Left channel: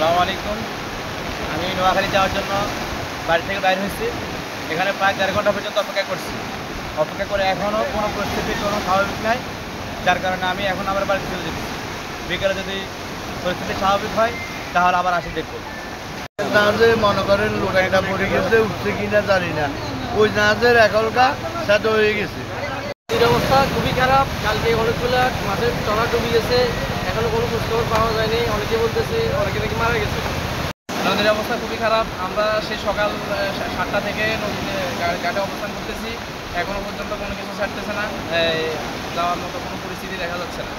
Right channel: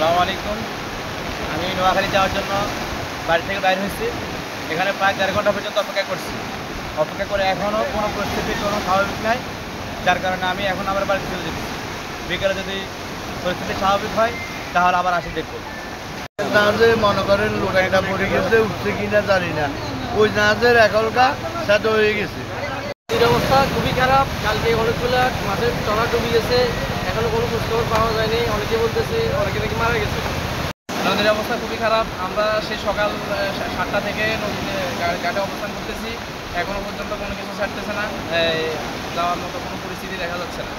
আসসালামু আলাইকুম। আমি নোয়াখালী যাওয়ার জন্য বাড়ি থেকে বাইর হয়েছি। এখানে প্রায় ১.৫ ঘন্টা পর্যন্ত অপেক্ষা করছি। অপেক্ষা করে এখনও কোনো পরিস্থিতি কোনো স্বাভাবিক নাই, যার কারণে আমি এখন আবার বাড়িতে চলে যেতেছি। বিকেলে যদি পরিস্থিতি স্বাভাবিক হয় তাহলে আবার আসি দেখব। জাহাজে মনে করেন লোক একটা পড়ে গেছে, উঠছে কিনা জানি না। ওই জাহাজের এখনকা সাথে হয়ে গেছে। নদীর অবস্থা খুবই খারাপ। কালকে অনেকগুলো মাছের ট্রলার ডুবে গেছে, এখনো কোনো খোঁজখবর পাওয়া যায়নি। অনেকে বলতেছে অনেকে নাকি মারা গেছে। নদীর অবস্থা খুবই খারাপ। আমরা সেই সকাল 7টা থেকে নদীতে ঘাটে অবস্থান করতেছি, এখনো পর্যন্ত কোনো কিছু ছাড়তেছে না। যাওয়ার মতো কোনো পরিস্থিতি দেখা যাচ্ছে না।